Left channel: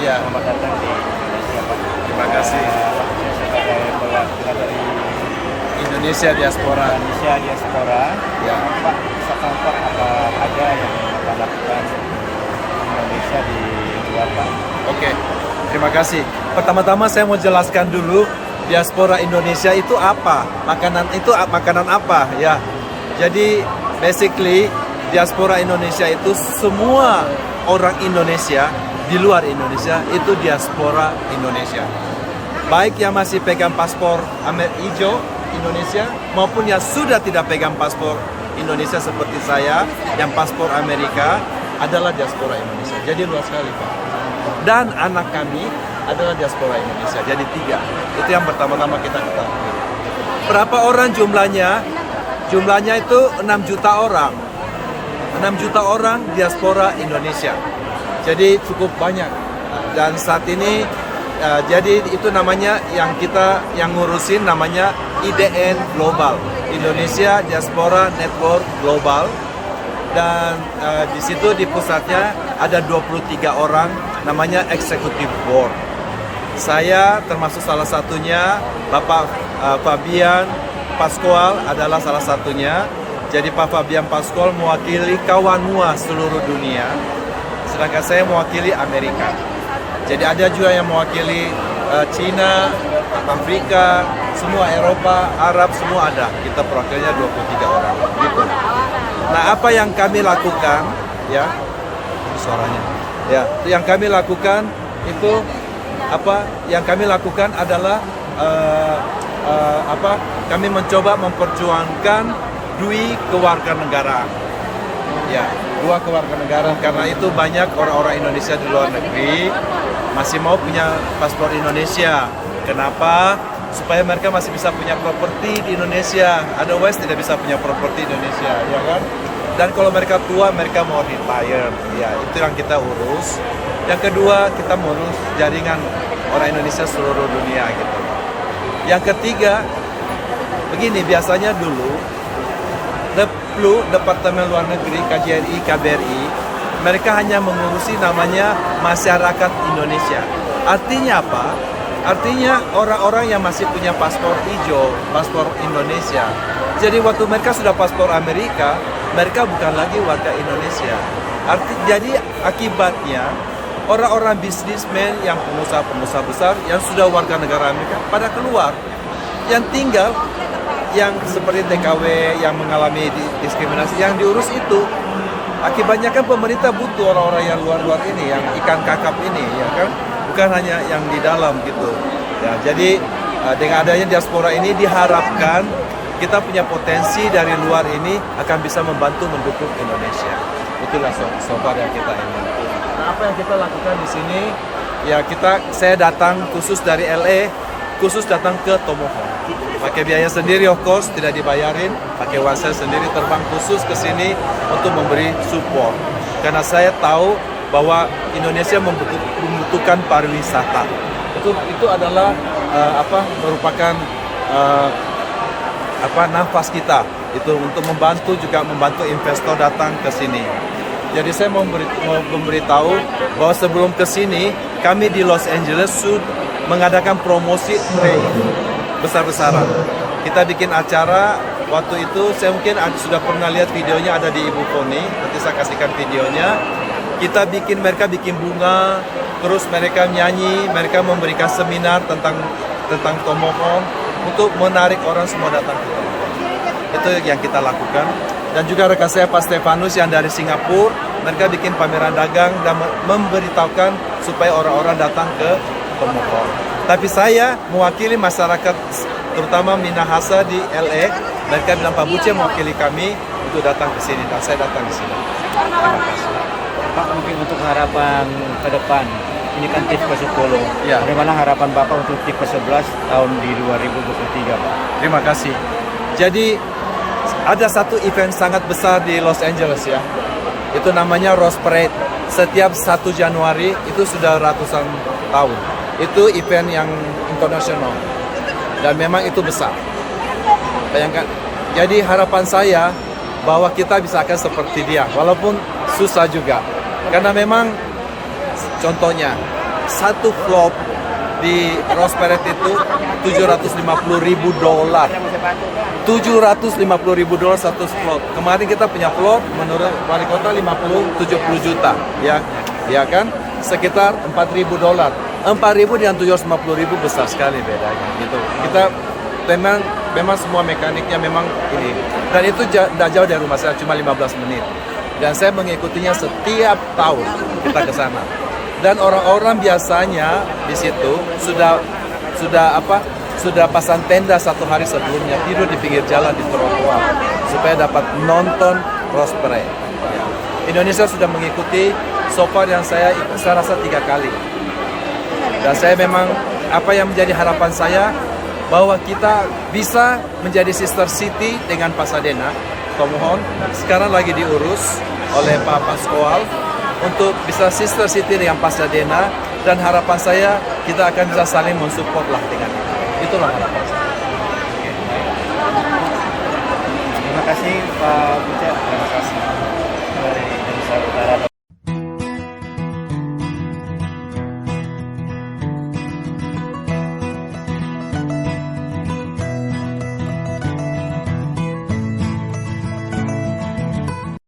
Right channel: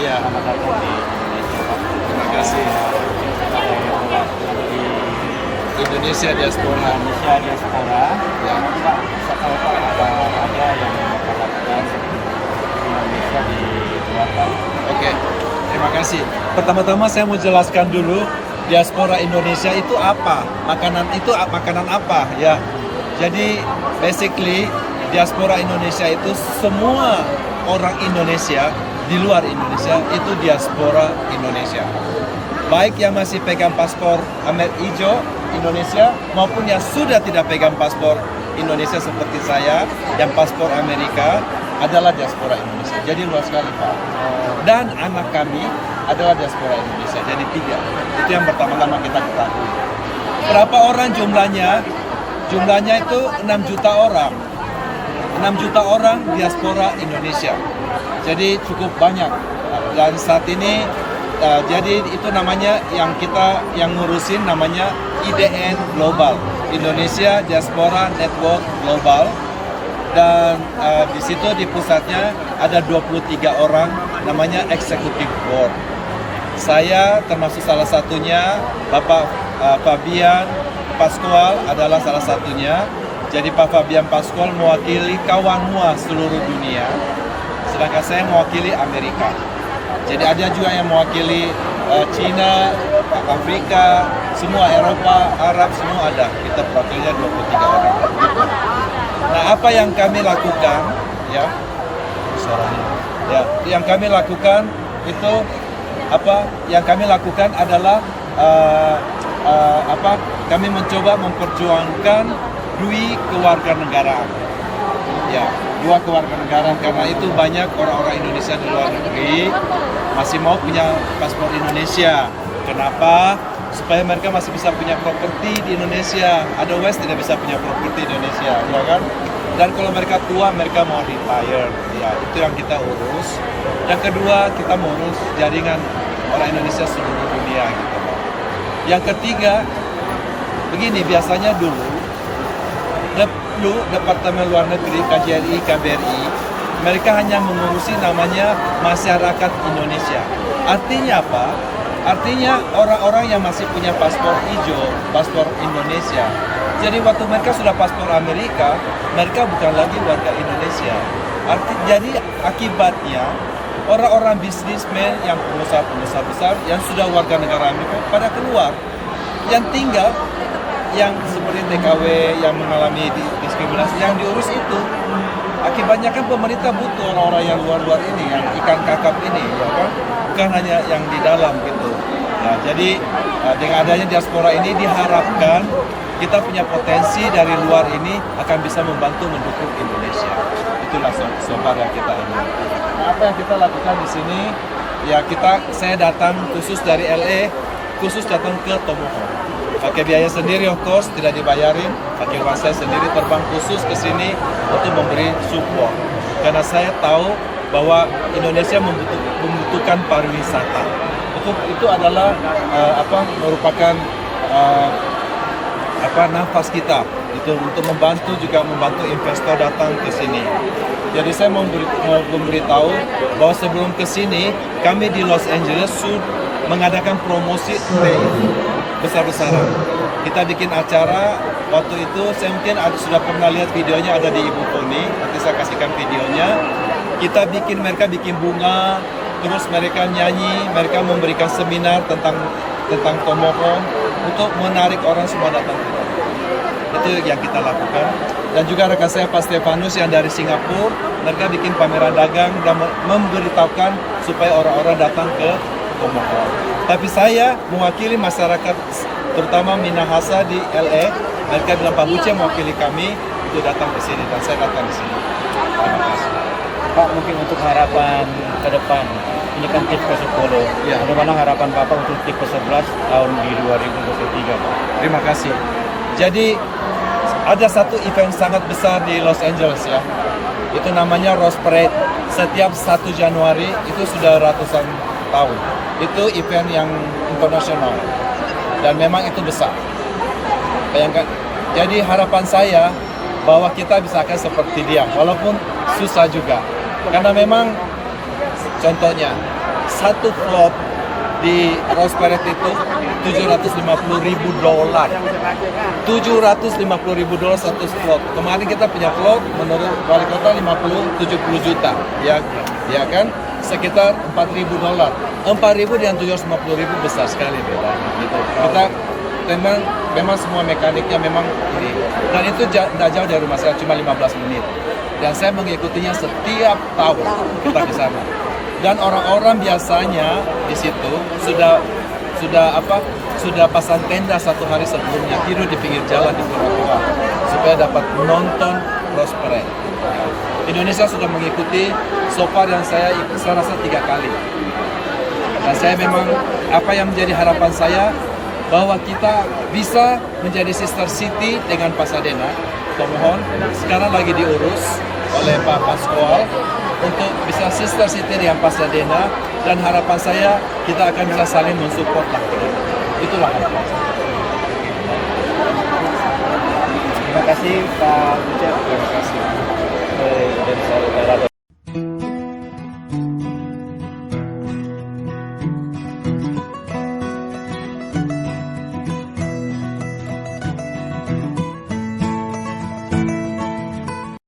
Ya. Selamat datang di Indonesia, Pak. Terima kasih. Saya sebagai perwakilan dari Indonesia Diaspora. Indonesia Diaspora. Ya. Nanti Pak bisa tahu Pak apa ada yang Bapak lakukan di Indonesia di luar Pak. Oke, terima kasih. Pertama-tama saya mau jelaskan dulu diaspora Indonesia itu apa, makanan apa ya. Jadi basically diaspora Indonesia itu semua orang Indonesia di luar Indonesia itu diaspora Indonesia. Baik yang masih pegang paspor hijau Indonesia maupun yang sudah tidak pegang paspor Indonesia seperti saya yang paspor Amerika adalah diaspora Indonesia. Jadi luas sekali Pak. Dan anak kami adalah diaspora Indonesia. Jadi 3. Itu yang pertama-tama kita ketahui. Berapa orang jumlahnya? Jumlahnya itu 6 juta orang. 6 juta orang diaspora Indonesia. Jadi cukup banyak. Dan saat ini jadi itu namanya yang kita yang ngurusin namanya IDN Global, Indonesia Diaspora Network Global. Dan di situ di pusatnya ada 23 orang namanya Executive Board. Saya termasuk salah satunya, Bapak Fabian Pascual adalah salah satunya. Jadi Pak Fabian Pascual mewakili kawanua seluruh dunia, sedangkan saya mewakili Amerika. Jadi ada juga yang mewakili Cina, Afrika, semua Eropa, Arab, semua ada. Kita perwakilannya 23 orang. Gitu. Nah, apa yang kami lakukan, ya, suaranya, ya, yang kami lakukan itu apa? Yang kami lakukan adalah Kami mencoba memperjuangkan dui kewarganegaraan. Ya, 2 kewarganegaraan karena itu banyak orang-orang Indonesia di luar negeri masih mau punya paspor Indonesia. Kenapa? Supaya mereka masih bisa punya properti di Indonesia. Otherwise tidak bisa punya properti di Indonesia, ya kan? Dan kalau mereka tua, mereka mau retire. Ya, itu yang kita urus. Yang kedua, kita mengurus jaringan orang Indonesia seluruh dunia gitu loh. Yang ketiga, begini biasanya dulu Departemen Luar Negeri, KJRI, KBRI, mereka hanya mengurusi namanya masyarakat Indonesia. Artinya apa? Artinya orang-orang yang masih punya paspor hijau, paspor Indonesia. Jadi waktu mereka sudah paspor Amerika, mereka bukan lagi warga Indonesia. Jadi akibatnya orang-orang bisnismen yang pengusaha-pengusaha besar yang sudah warga negara Amerika pada keluar. Yang tinggal yang seperti TKW yang mengalami diskriminasi yang diurus itu. Akibatnya kan pemerintah butuh orang-orang yang luar-luar ini, yang ikan kakap ini, ya kan? Bukan hanya yang di dalam gitu. Ya, jadi dengan adanya diaspora ini diharapkan kita punya potensi dari luar ini akan bisa membantu mendukung Indonesia. Itulah slogan yang kita ingin. Nah, apa yang kita lakukan di sini? Ya saya datang khusus dari LA, khusus datang ke Tomohon. Pakai biaya sendiri, of course, tidak dibayarin. Pakai uang saya sendiri terbang khusus ke sini untuk memberi support. Karena saya tahu bahwa Indonesia membutuhkan pariwisata. Itu adalah merupakan nafas kita. Itu untuk membantu investor datang ke sini. Jadi saya mau memberitahu bahwa sebelum ke sini kami di Los Angeles sudah mengadakan promosi besar-besaran. Kita bikin acara waktu itu, saya mungkin sudah pernah lihat videonya ada di Ibu Poni, nanti saya kasihkan videonya. Mereka bikin bunga, terus mereka nyanyi, mereka memberikan seminar tentang Tomohon untuk menarik orang semua datang ke Tomohon. Itu yang kita lakukan. Dan juga rekan saya Pak Stefanus yang dari Singapura, mereka bikin pameran dagang dan memberitahukan supaya orang-orang datang ke Tomohon. Tapi saya mewakili masyarakat terutama Minahasa di LA, mereka dengan Pak Buce mewakili kami untuk datang ke sini dan saya datang di sini. Terima kasih. Pak, mungkin untuk harapan ke depan, ini kan TIF ke-10. Ya. Bagaimana harapan Bapak untuk TIF ke-11 tahun di 2023, Pak? Terima kasih. Jadi ada satu event sangat besar di Los Angeles ya. Itu namanya Rose Parade. Setiap 1 Januari itu sudah ratusan tahun. Itu event yang internasional. Dan memang itu besar. Bayangkan. Jadi harapan saya bahwa kita bisa akan seperti dia. Walaupun susah juga. Karena memang contohnya satu flop di Rose Parade itu $750.000. $750.000 satu slot. Kemarin kita punya plot menurut wali kota 50-70 juta, ya kan? Sekitar $4.000. 4.000 dengan 750.000 besar sekali bedanya. Gitu. Kita memang semua mekaniknya memang ini. Dan itu tidak jauh dari rumah saya, cuma 15 menit. Dan saya mengikutinya setiap tahun kita ke sana. Dan orang-orang biasanya di situ sudah pasang tenda satu hari sebelumnya, tidur di pinggir jalan di trotoar supaya dapat nonton Rose Parade. Indonesia sudah mengikuti so far yang saya rasa 3 kali. Dan saya memang apa yang menjadi harapan saya bahwa kita bisa menjadi sister city dengan Pasadena. Pemohon sekarang lagi diurus oleh Pak Pascual untuk bisa sister city dengan Pasadena, dan harapan saya kita akan bisa saling mensupport lah dengan itulah harapan saya. Terima kasih Pak Bucer. Terima kasih.